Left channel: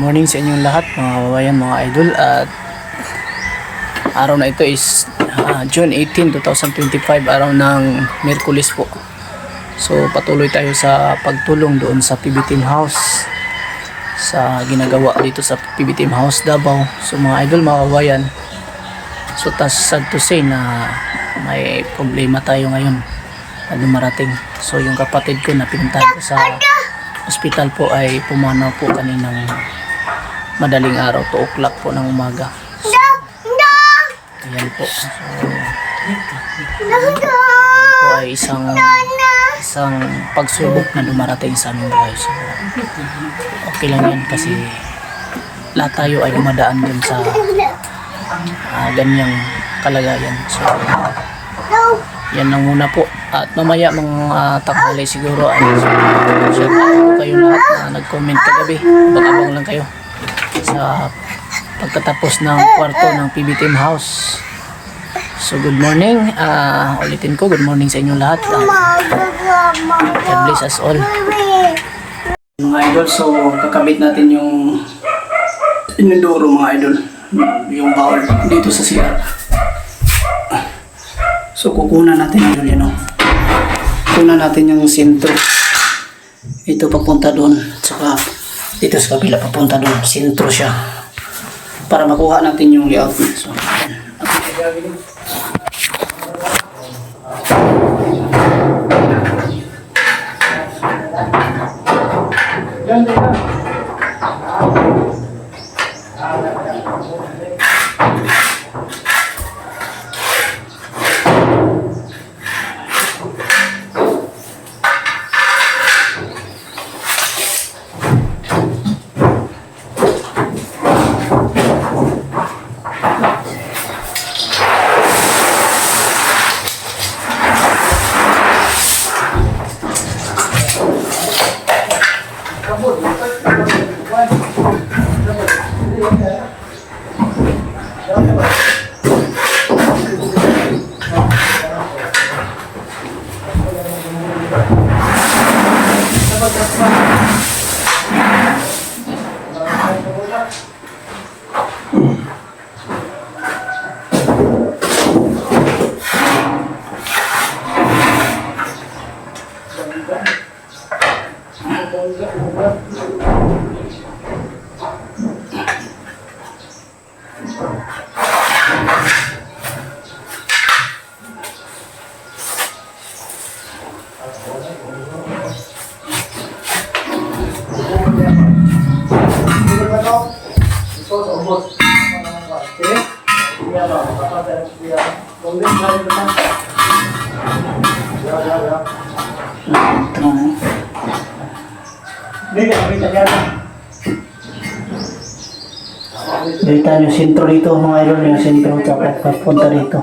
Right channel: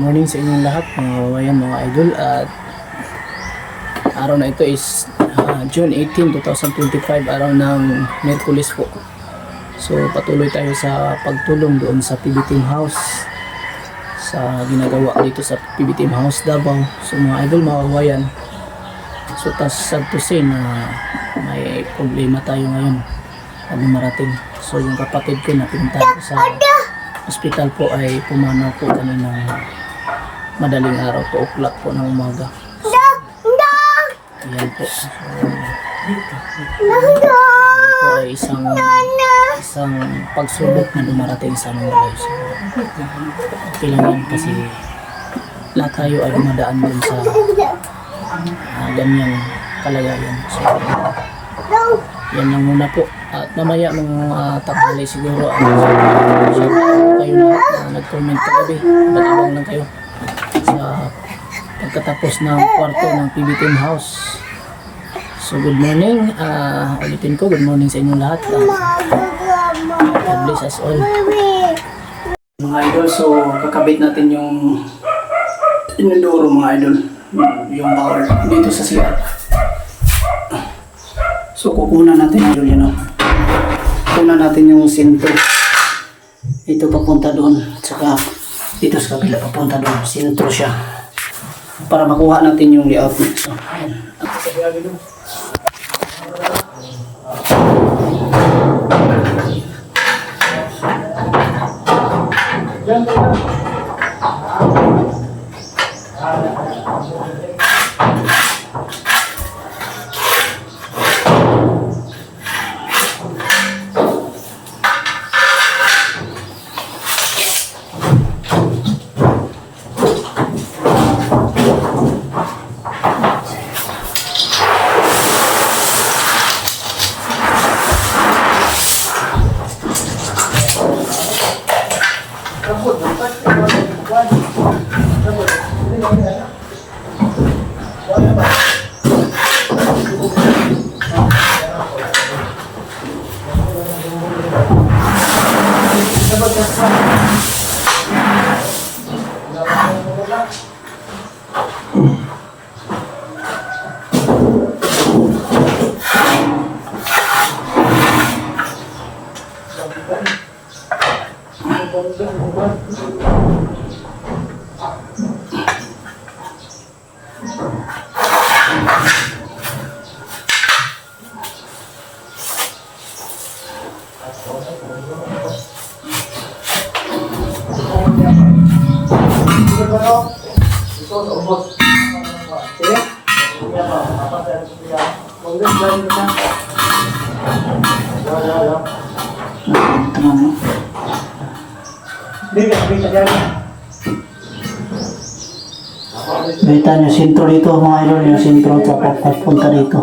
Morning sa inyong lahat mga kababayan, mga idol. At araw na ito is June 18, 2025, araw ng Miyerkules po. So patuloy tayo sa pagtulong doon sa PB Team House, sa ginagawa dito sa PB Team House Davao. So mga idol, mga kababayan, so sad to say na may problema tayo ngayon na dumarating. So yung kapatid ko na pinuntahan ko sa hospital po ay pumanaw po kaninang madaling araw, 2 o'clock po ng umaga. So, ayan po. So, po ay isang pagsubok na dumarating sa aming buhay. So, okay lang yan kasi lahat tayo ay dumadaan dun sa ganyang kalagayan. So, yan lang muna po. At mamaya mga tanghali siguro ay shout out kayo lahat na nag-comment kagabi. Abang-abang lang kayo sa pagkatapos ng kwarto ng PB Team House. So good morning, ulitin ko, good morning sa inyong lahat. God bless us all. Mga idol, so kakabit natin yung inodoro mga idol, yung bowl dito sa CR. So kukunan natin idol yan o. Kukunan natin yung sintro. Ito papunta doon, saka dito sa kabila papunta doon, sintro siya para makuha natin yung layout niya. So, yan. Nakita nyo sentro dito mga idol, yung sentro tapos papunta dito.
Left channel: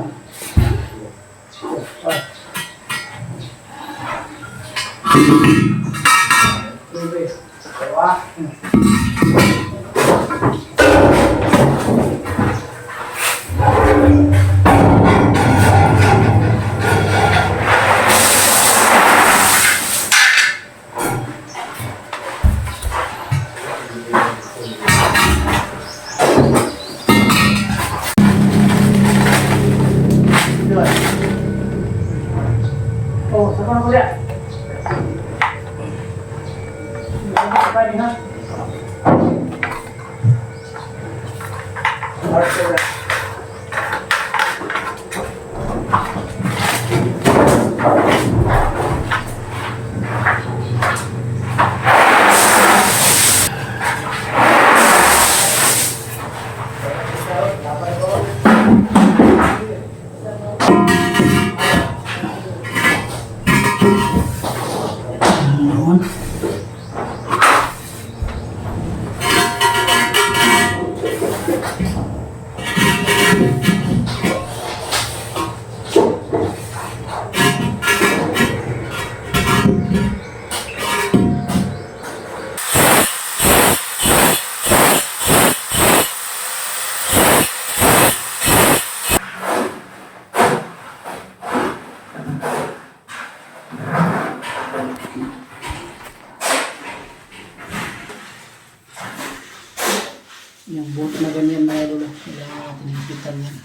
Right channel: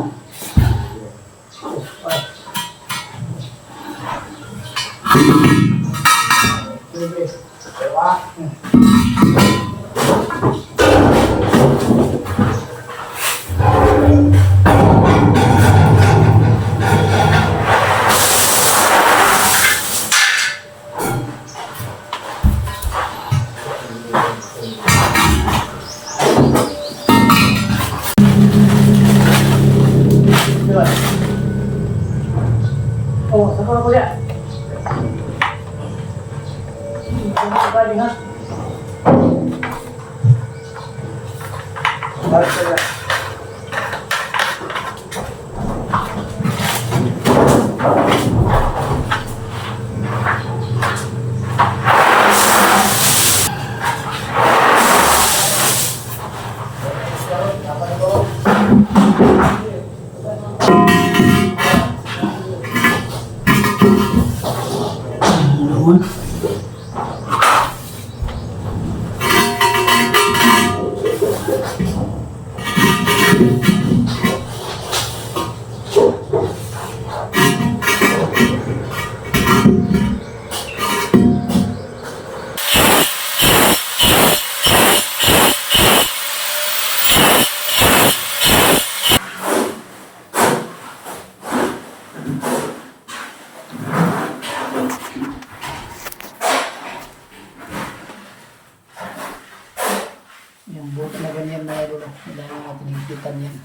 Yung bolt na ganyan mga idol, kailangan natin hipitan yan.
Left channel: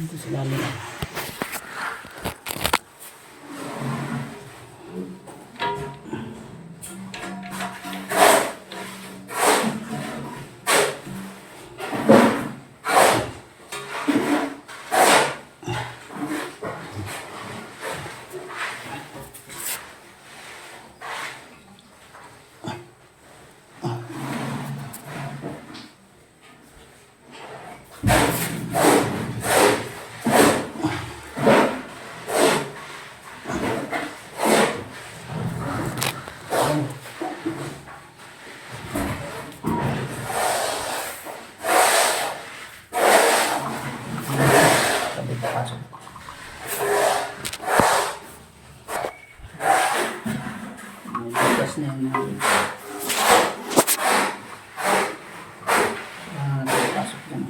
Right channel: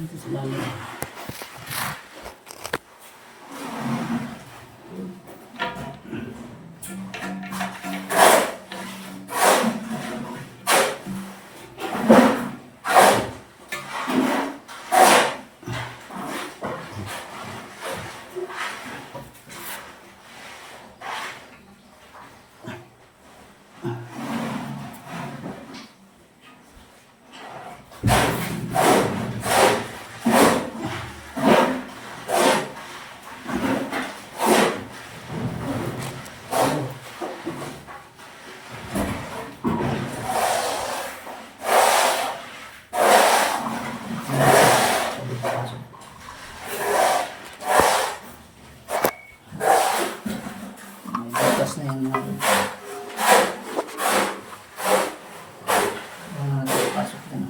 Ito sila nila. Bukas na yan yung pasok yan.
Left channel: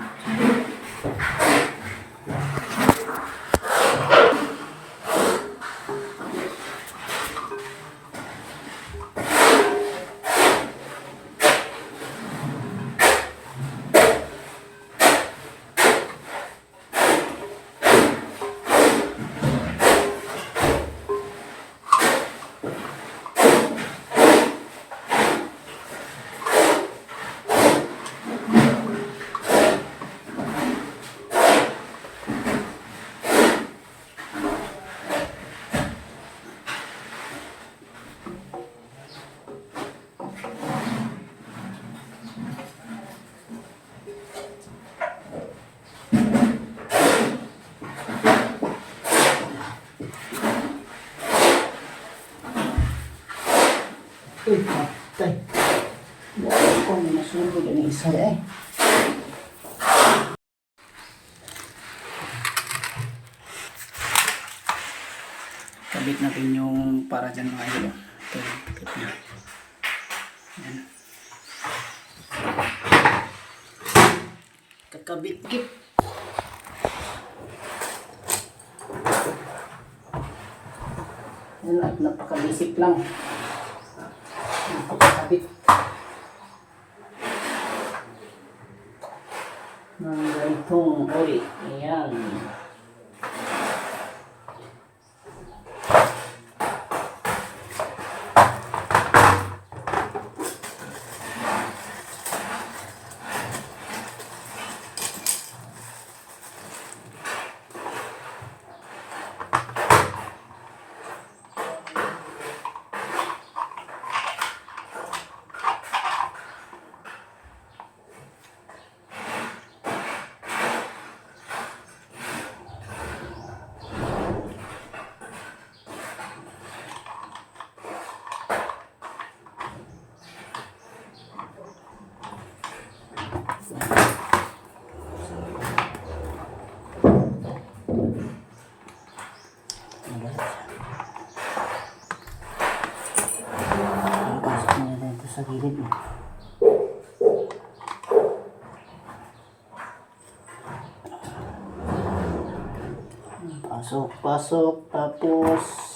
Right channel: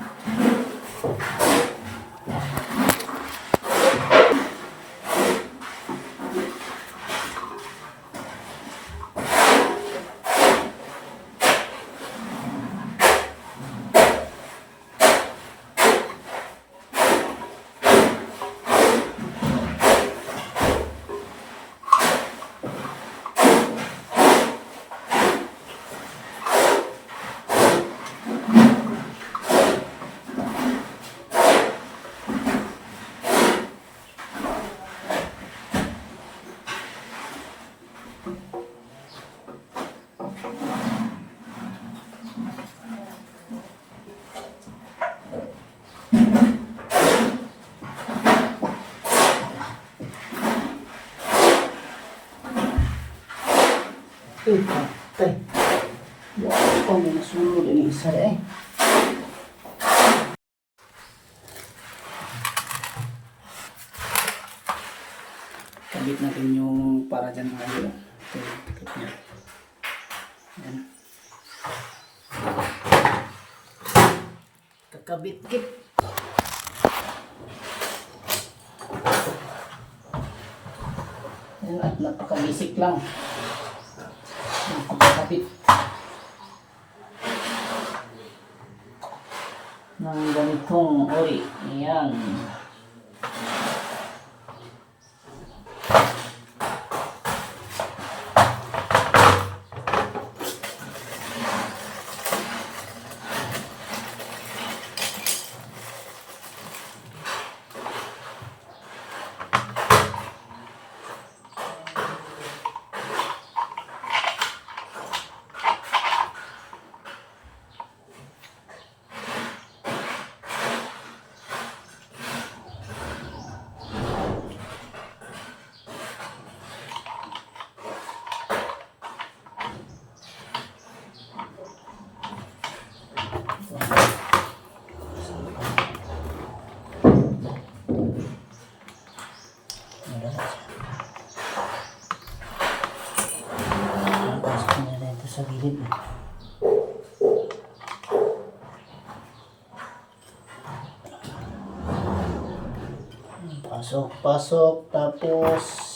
Uy, patay. Ito may nasunod yung isa eh. Kabit natin yung para dyan mga idol. Ito yung kabit niya. Ayan. Kakabit-kit. Ayan, at napaka-basic lang. Kapit ng ganitong uri. Ayan. Sa gilid na. Pasok, tapos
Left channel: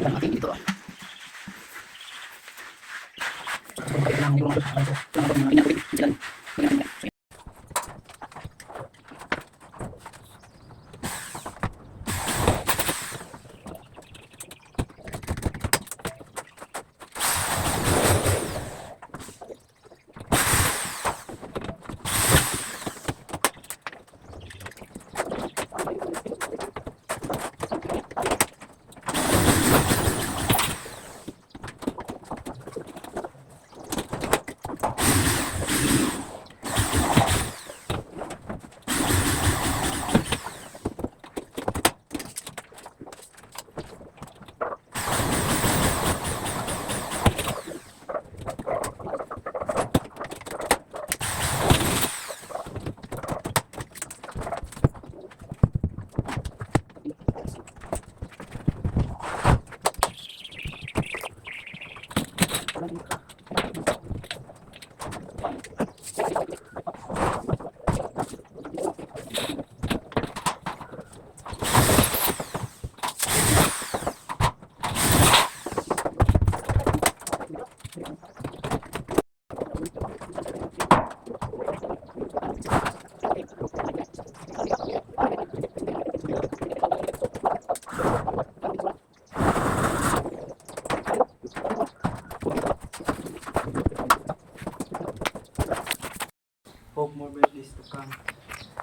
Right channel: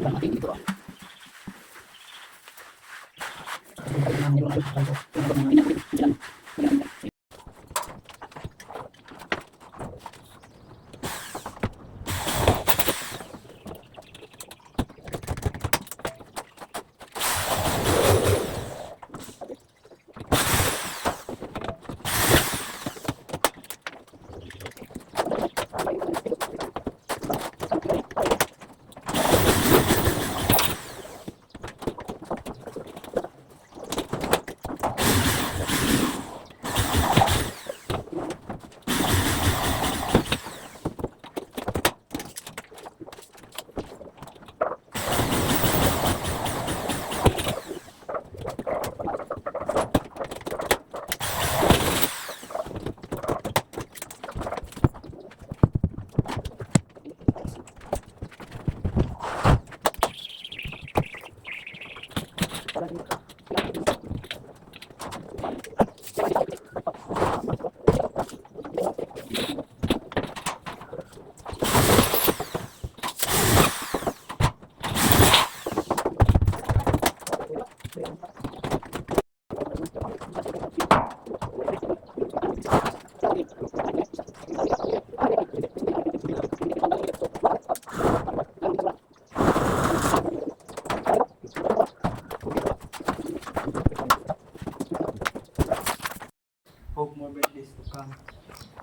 natin dito.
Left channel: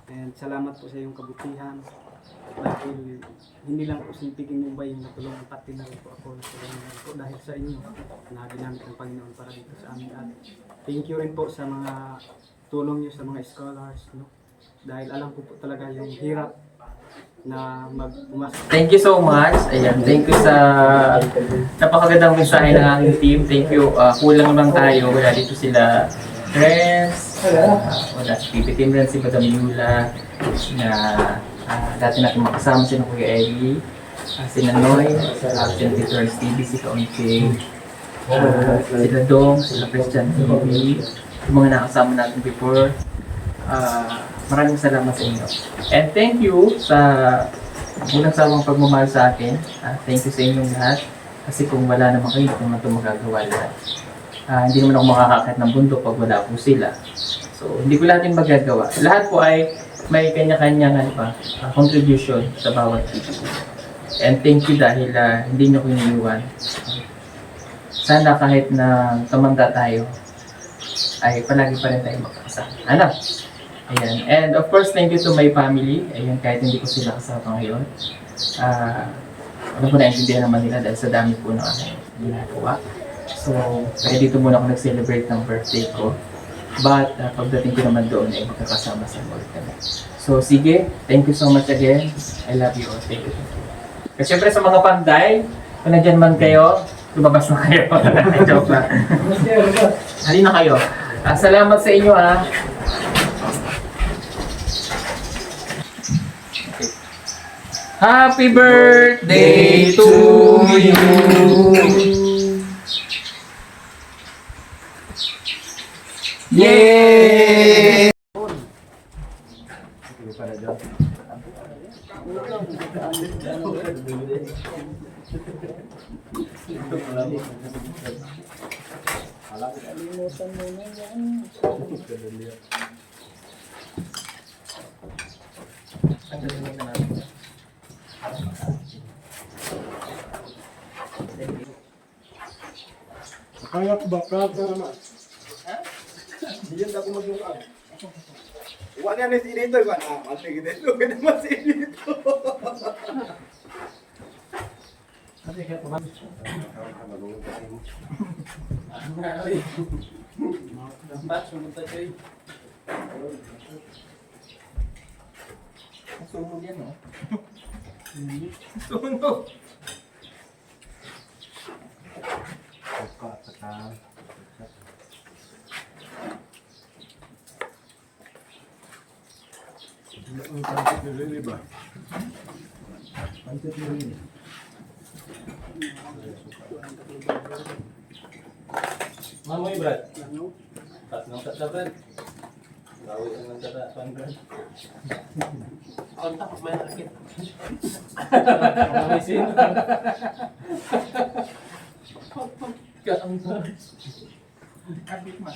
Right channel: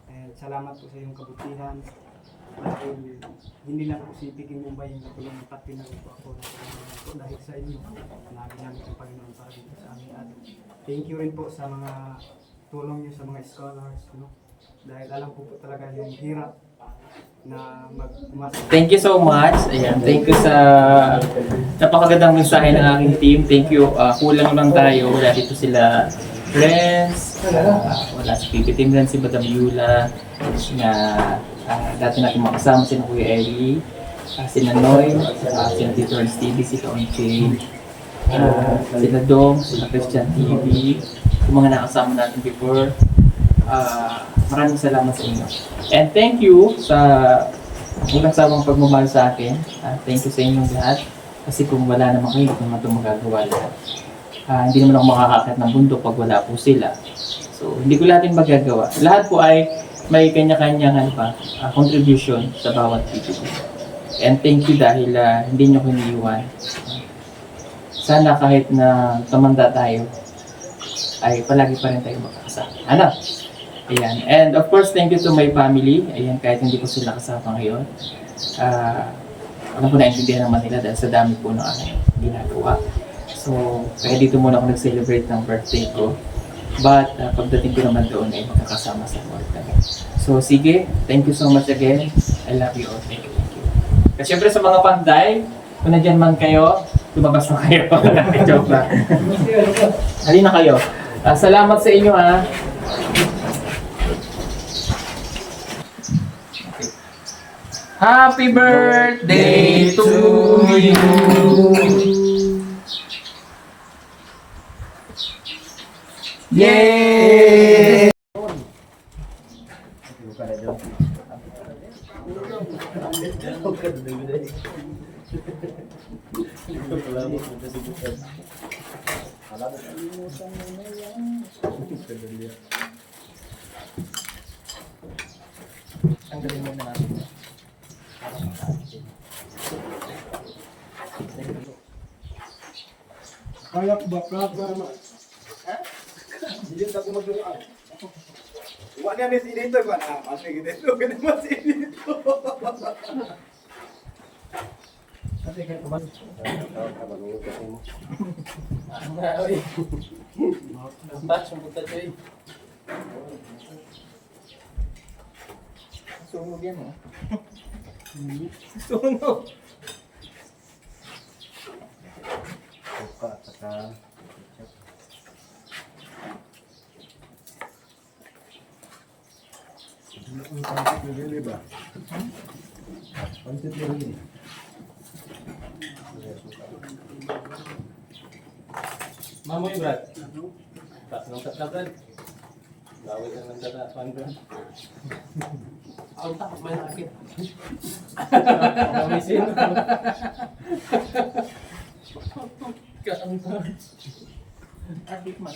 And salamat po sa iyong kabutihan. Dahil hindi lang po si Piging Mumbai yung natulungan, pati na rin po ako natulungan po dahil sa inyo na ginamit ng Panginoon para dito sa amin. At thank you rin po sa mga tulong niyo sa mga scholars, no? Dahil alam ko po talaga yung hirap na mag-umasa. Thank you so much. Ayan, thank you sa napakagandang mensahe ng aking team. Thank you. Kulang lang tayo. Wala dito sila friends. Wala si Pipi Timran, si Madam Yula, na dati natin makasama si Kuya Eli, si Nanoy, si Tito Ernst TV, si Kaunche, sila Dong, sila Christian TV, yung mga nakasama natin before. Maraming salamat sa inyo. And thank you sa walang sawang pagmamahal sa akin. Thank you sa inyong lahat. Kasi kung wala naman kayo, hindi naman ito magagawa lahat. Hindi naman ako makakakit ng bundok pag wala po sila. So, hindi ko lahat yung magagawa. Lahat po ay may kanya-kanyang contribution sa bawat video. And thank you dahil hindi nyo ko iniiwan. Sana kahit na tumanda tayo, ay palagi pa rin tayo magkakasama. Ano? Ayan. And of course, thank you to my family. Ayan, kahit hindi ko sila kasama ngayon. Alam ko naintindihan naman nila dahil sa dami po ng ginagawa. So, kaya dito muna ako nag-celebrate ng birthday ko. But, pagdating ko naman doon ay magkakasama sa work kami. So, sige. Thank you so much again. I love you all. Thank you, thank you. Kasi syempre sa mga panday, kung nandyan man kayo, lumabas na kayo. Joke lang. Halina kayo. Salamat sa inyo Happy birthday to you. Yay! Kaya ko ba? Pero naman. Hindi yan ako mag-uwan. Uwan yan si dito. Kasi dito. Kaya naman si dito. Kasi kaya ka ba? Sunog yan Sunog. Buka at saka ang pansit na rin, ba? Pansit na rin. Mamoy, Brad. Tatlong tatlagan. Bawal ka ng tatlagan, Brad. Kontak, may nakit. Mawisin. Kapit man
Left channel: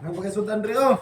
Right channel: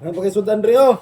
Ano pakai Sultan Rio?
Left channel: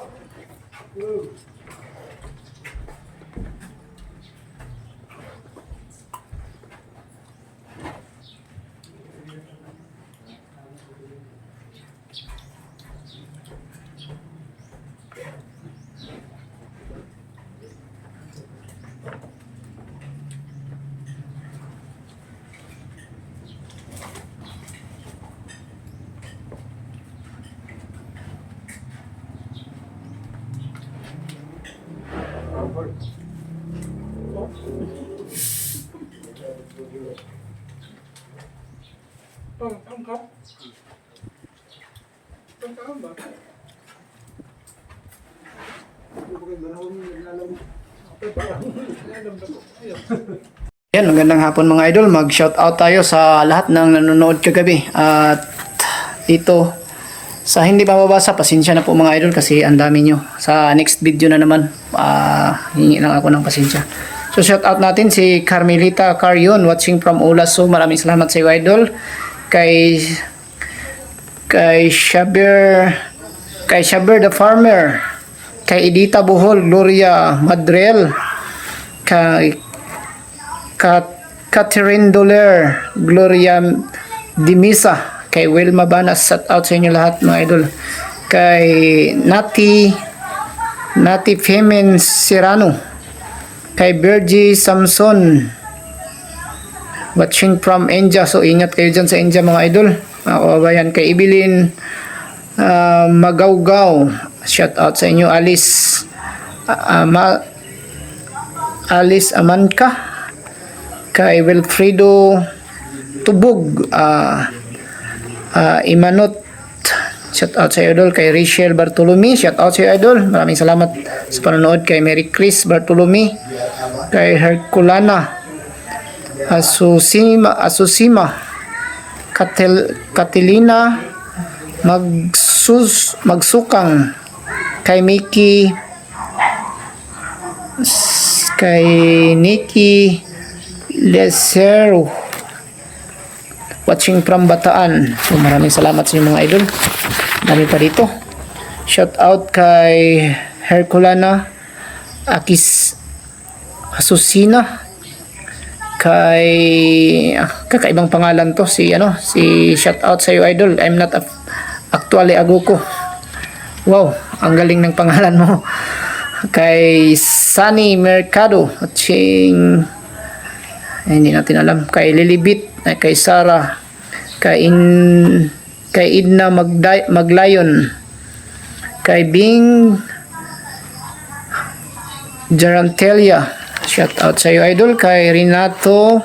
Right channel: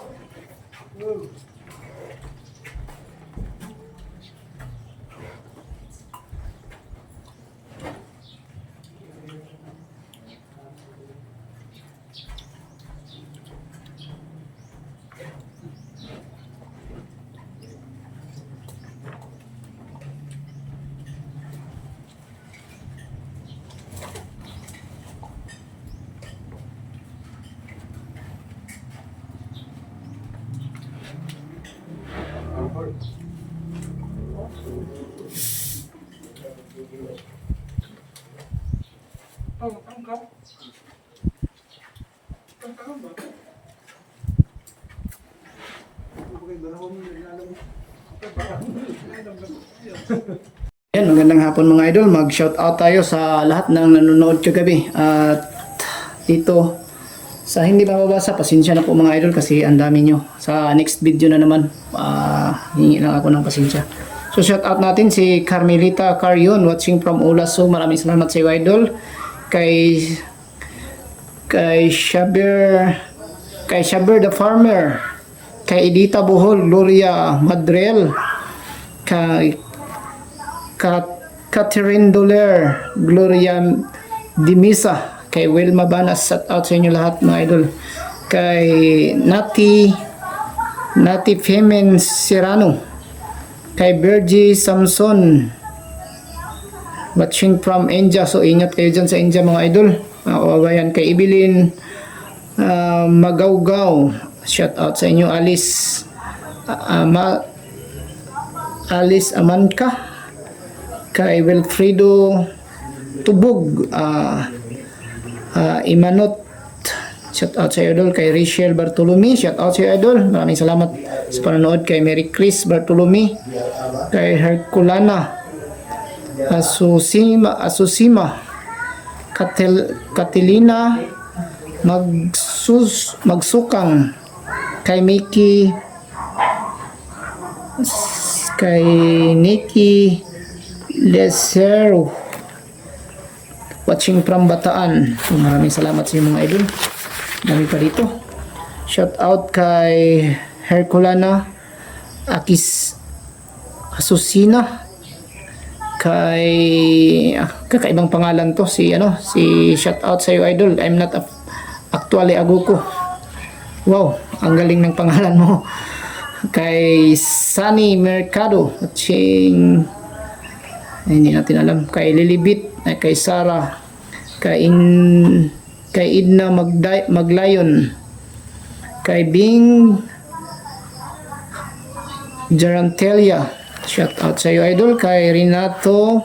Yan, magandang hapon mga idol. Mag-shout out tayo sa lahat ng nanonood kagabi. At dito, sa hindi mababasa, pasensya na po mga idol kasi ang dami nyo. Sa next video na naman, hingi lang ako ng pasensya. So shout out natin si Carmelita Carion watching from Olaso. Maraming salamat sa iyo idol. Kay Shaber the Farmer, kay Edita Bohol, Gloria Madrel, kay Catherine Doler, Gloria Dimisa, kay Wilma Banas, shout out sa inyo lahat mga idol. Kay Nati Femen Serrano, kay Bergie Samson, watching from India. So ingat kayo dyan sa India mga idol, mga kababayan. Kay Evelyn Magawgaw, shout out sa inyo. Alice Amanka, kay Wilfredo Tubog, Imanot, shout out sa idol. Kay Rachel Bartolome, shout out sa idol. Maraming salamat sa panonood. Kay Mary Chris Bartolome, kay Herculana Asusima, Katilina Magsukang, kay Nikki Lesero, watching from Bataan. So maraming salamat sa inyo mga idol. Dami pa dito. Shout out kay Herculana Asusina, kay kakaibang pangalan to, si shout out sa iyo idol. I'm not actually Aguko. Wow, ang galing ng pangalan mo. Kay Sunny Mercado, watching, hindi natin alam. Kay Lilibit, kay Sarah, kay Idna Maglayon, kay Bing Jarantelia, shout out sa iyo idol. Kay Renato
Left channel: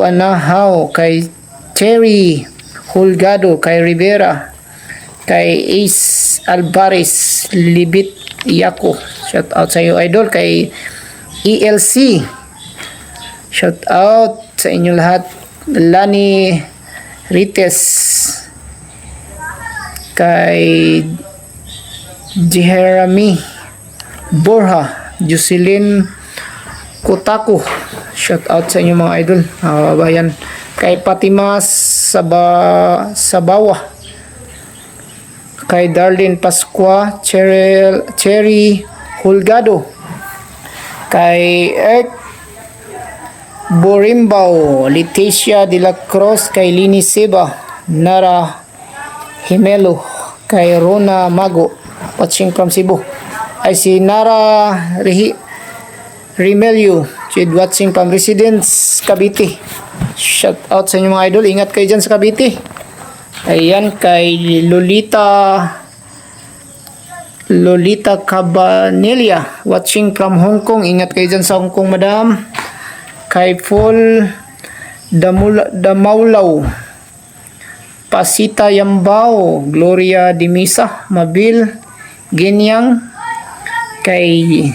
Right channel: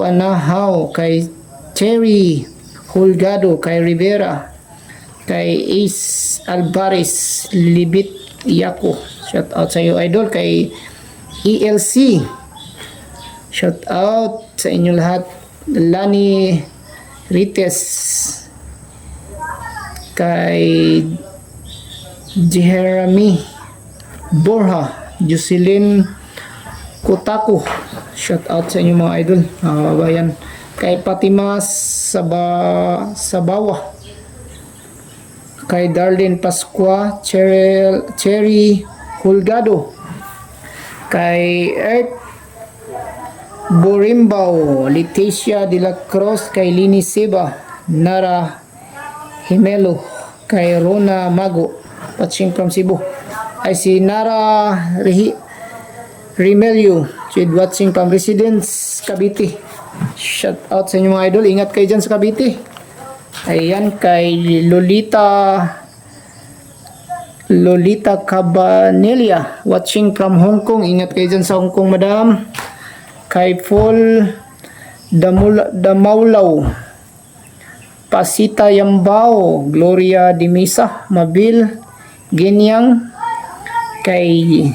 Anahaw, kay Terry Hulgado, kay Rivera, kay Ace Alvarez, Libit Yako, shout out sa iyo idol. Kay ELC, shout out sa inyo lahat. Lani Rites, kay Jeremy Borja, Jocelyn Kotako, shout out sa inyo mga idol, kababayan. Kay Fatima Sabawa, kay Darlene Pascua, Cherry Hulgado, kay Eric Borimbao, Leticia de la Cruz, kay Lini Seba, Nara Himelo, kay Rona Mago, watching from Cebu. Ay si Nara Rimelio, watching from Residence Cavite. Shout out sa inyo mga idol. Ingat kayo dyan sa Cavite. Ayan, kay Lolita Cabanelia, watching from Hong Kong. Ingat kayo dyan sa Hong Kong, madam. Kay Paul Damaulaw, Pasita Yambao, Gloria Dimisa, Mabil Genyang, kay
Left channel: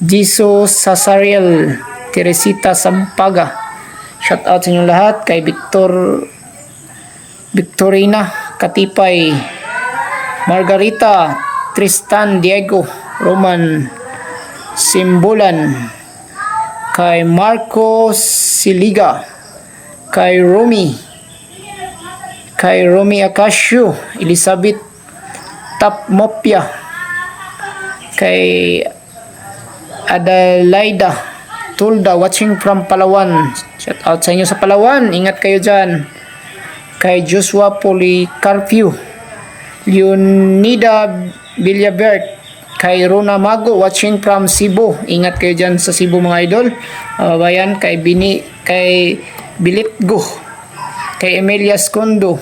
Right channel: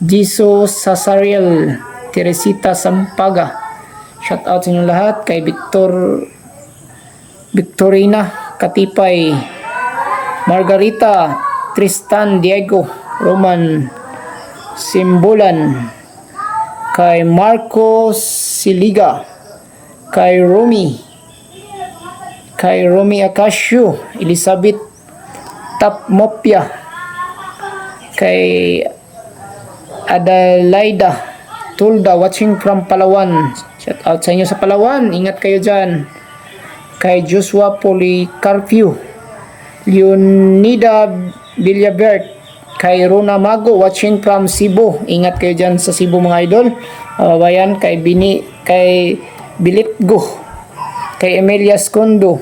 Jiso Sasariel, Teresita Sampaga, shout out sa inyo lahat. Kay Victorina Katipay, Margarita, Tristan Diego, Roman Simbulan, kay Marco Siliga, kay Romy Akasio, Elizabeth Tapmopia, kay Adelaida Tulda, watching from Palawan. Shout out sa inyo sa Palawan. Ingat kayo dyan. Kay Joshua Policarpio, Leonida Villabert, kay Rona Mago, watching from Cebu. Ingat kayo dyan sa Cebu mga idol. Bayan, kay Bilitgo, kay Emilia Skondo,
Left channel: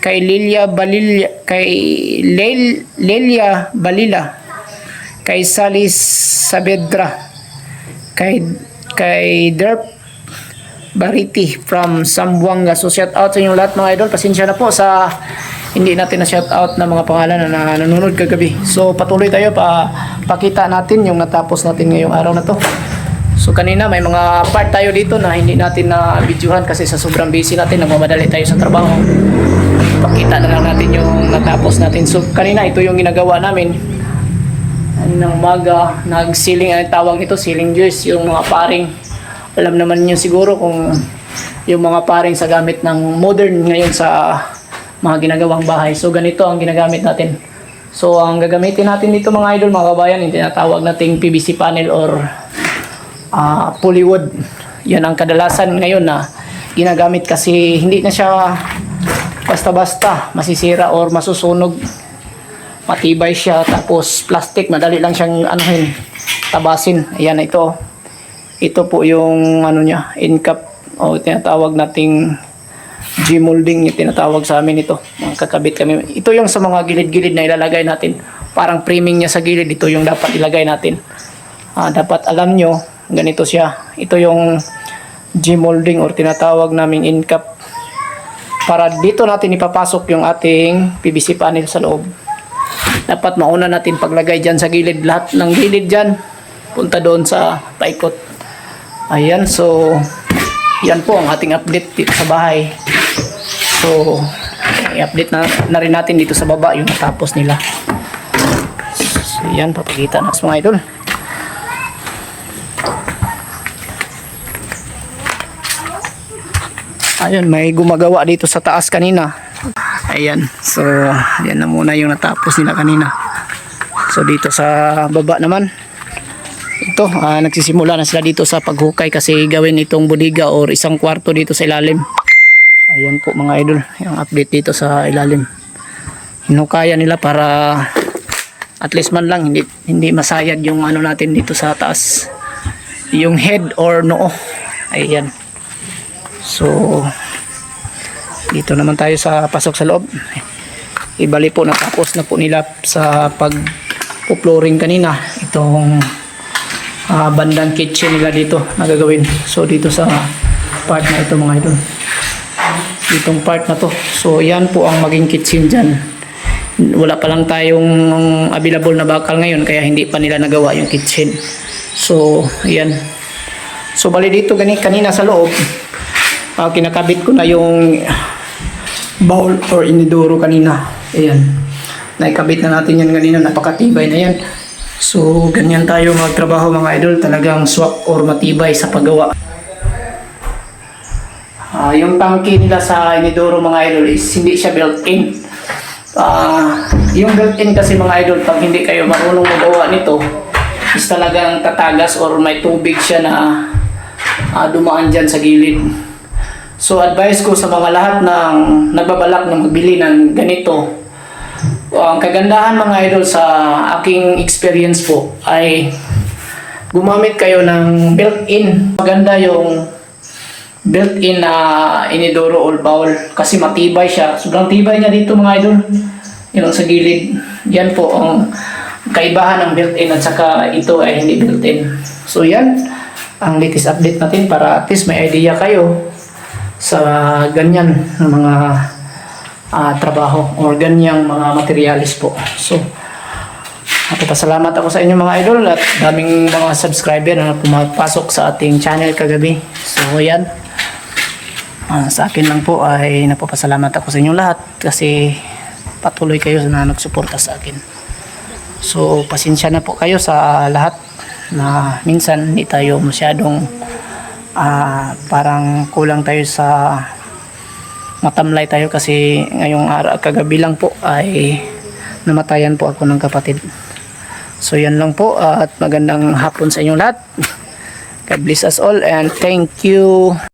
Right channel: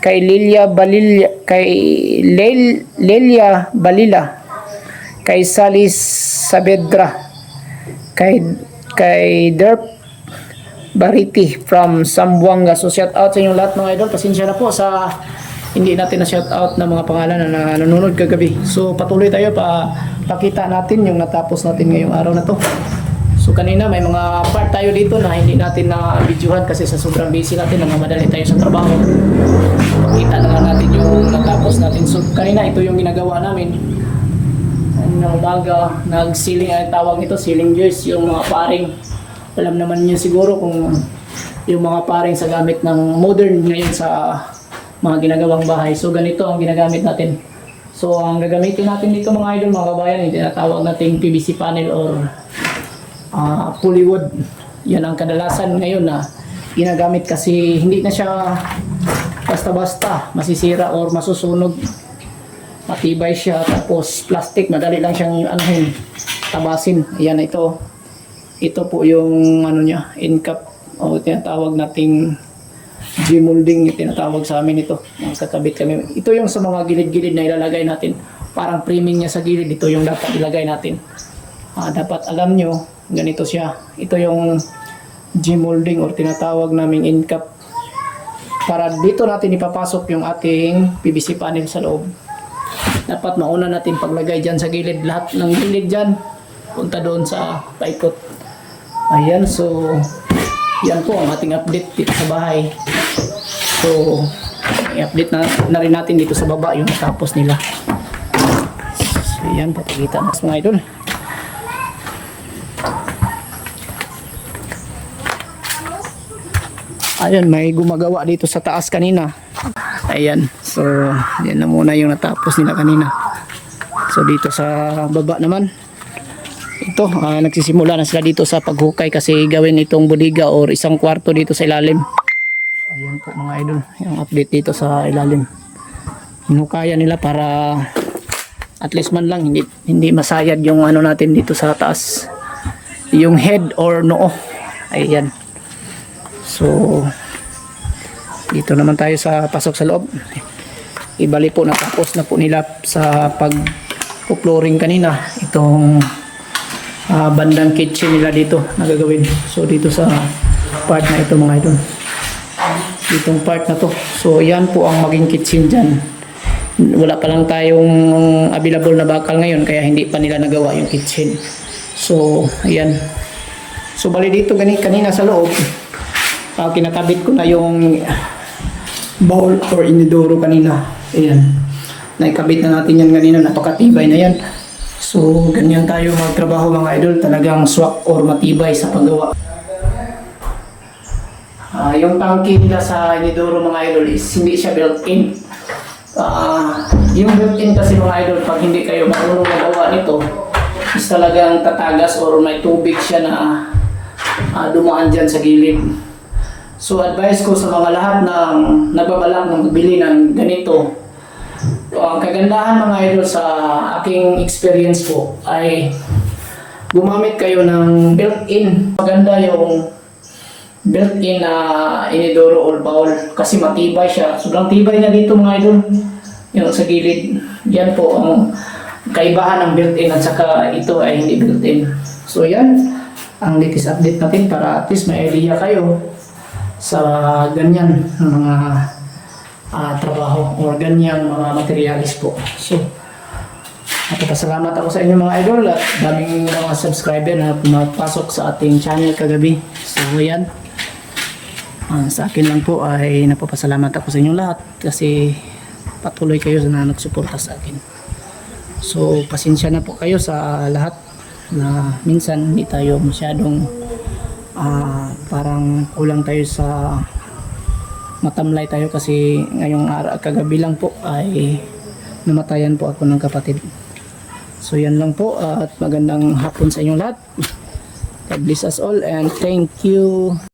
kay Lelia Balila, kay Salis Saavedra, kay Derp Bariti from Zamboanga. So shout out sa inyo lahat mga idol. Pasensya na po sa hindi natin na shout out na mga pangalan na nanonood kagabi. So patuloy tayo, pakita natin yung natapos natin ngayong araw na to. So kanina may mga part tayo dito na hindi natin na videohan kasi sa sobrang busy natin, nagmamadali tayo sa trabaho. Pakita na lang natin yung natapos natin. So kanina ito yung ginagawa namin ng umaga, nag-ceiling, ang tawag nito ceiling joist, yung mga paring. Alam naman niyo siguro kung yung mga paring sa gamit ng modern ngayon sa mga ginagawang bahay. So ganito ang ginagamit natin. So ang gagamitin natin dito mga idol, mga kabayan, yung tinatawag nating PVC panel or polywood. Yan ang kadalasan ngayon na ginagamit kasi hindi na siya basta-basta masisira or masusunog. Matibay siya, tapos plastic, madali lang siyang tabasin. Ayan, ito po yung niya, end cap o tinatawag nating G-molding, yung tinatawag sa amin ito. Kakabit kami. Ito yung sa mga gilid-gilid na ilalagay natin. Parang framing niya sa gilid, ito yung dapat ilagay natin. Dapat alam nyo, ganito siya. Ito yung G-molding or tinatawag naming end cap. Para dito natin ipapasok yung ating PVC panel sa loob. Dapat mauna natin paglagay dyan sa gilid. Lahat ng gilid dyan, punta doon sa paikot. Ayan, so yan po ang ating update dito sa bahay. So, i-update na rin natin dito sa baba yung natapos nila. So, yan, papakita na sa mga idol. Ayun, may gumagawa dito sa taas kanina. Ayan, so yan na muna yung natapos nila kanina. So, dito sa baba naman, ito, nagsisimula na sila dito sa paghukay kasi gawin itong bodega or isang kwarto dito sa ilalim. Ayan po mga idol, yung update dito sa ilalim. Hinukayan nila para at least man lang hindi masayad yung natin dito sa taas. Yung head or noo. Ayan. So dito naman tayo sa pasok sa loob. Ibali po, natapos na po nila sa pag-flooring kanina. Itong bandang kitchen nila dito nagagawin. So dito sa part na ito mga idol, ditong part na to, so yan po ang maging kitchen dyan. Wala pa lang tayong available na bakal ngayon kaya hindi pa nila nagawa yung kitchen. So ayan, so bali dito kanina sa loob, kinakabit ko na yung bowl or inidoro kanina. Ayan, naikabit na natin yan kanina, napakatibay na yan. So ganyan tayo magtrabaho mga idol, talagang swak or matibay sa paggawa. Yung tangke nila sa inidoro mga idol is hindi siya built-in. Yung built-in kasi mga idol, pag hindi kayo marunong magawa nito, is talagang tatagas or may tubig siya na dumaan dyan sa gilid. So advice ko sa mga lahat ng nagbabalak na magbili ng ganito, ang kagandahan mga idol sa aking experience po ay gumamit kayo ng built-in. Maganda yung built-in na inidoro or bowl kasi matibay siya. Sobrang tibay niya dito mga idol. Yung sa gilid. Yan po ang kaibahan ng built-in at saka ito ay hindi built-in. So yan ang latest update natin para at least may idea kayo sa ganyan ng mga trabaho or ganyang mga materialis po. So napapasalamat ako sa inyo mga idol at daming mga subscriber na pumapasok sa ating channel kagabi. So yan, sa akin lang po ay napapasalamat ako sa inyong lahat kasi patuloy kayo na nagsuporta sa akin. So pasensya na po kayo sa lahat na minsan hindi tayo masyadong parang kulang tayo sa matamlay tayo kasi ngayong kagabi lang po ay namatayan po ako ng kapatid. So yan lang po at magandang hapon sa inyong lahat. God bless us all and thank you.